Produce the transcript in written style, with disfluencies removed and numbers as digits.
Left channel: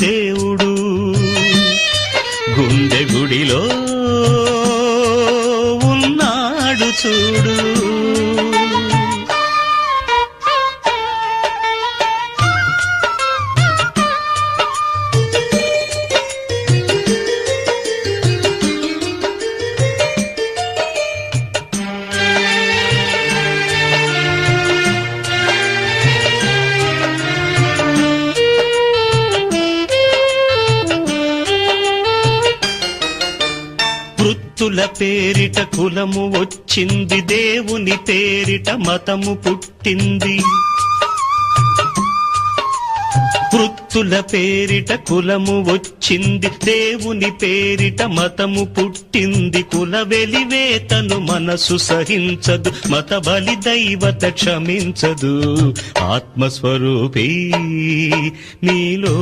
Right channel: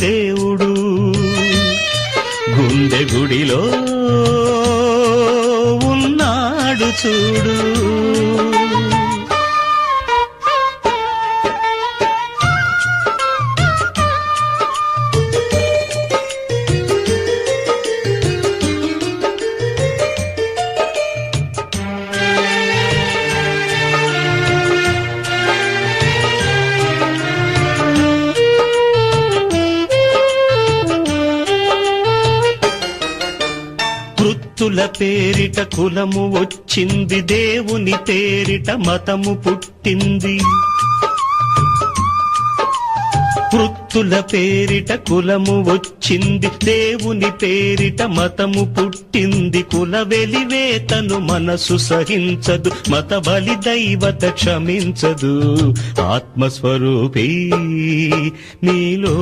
దేవుడు గుండె గుడిలో ఉన్నాడు చూడు. వృత్తుల పేరిట కులము వచ్చింది, దేవుని పేరిట మతము పుట్టింది. వృత్తుల పేరిట కులము వచ్చింది, దేవుని పేరిట మతము పుట్టింది. కుల వెలివేతను మనసు సహించదు, మత బలి దైవత క్షమించదు. ఆత్మస్వరూపీ నీలో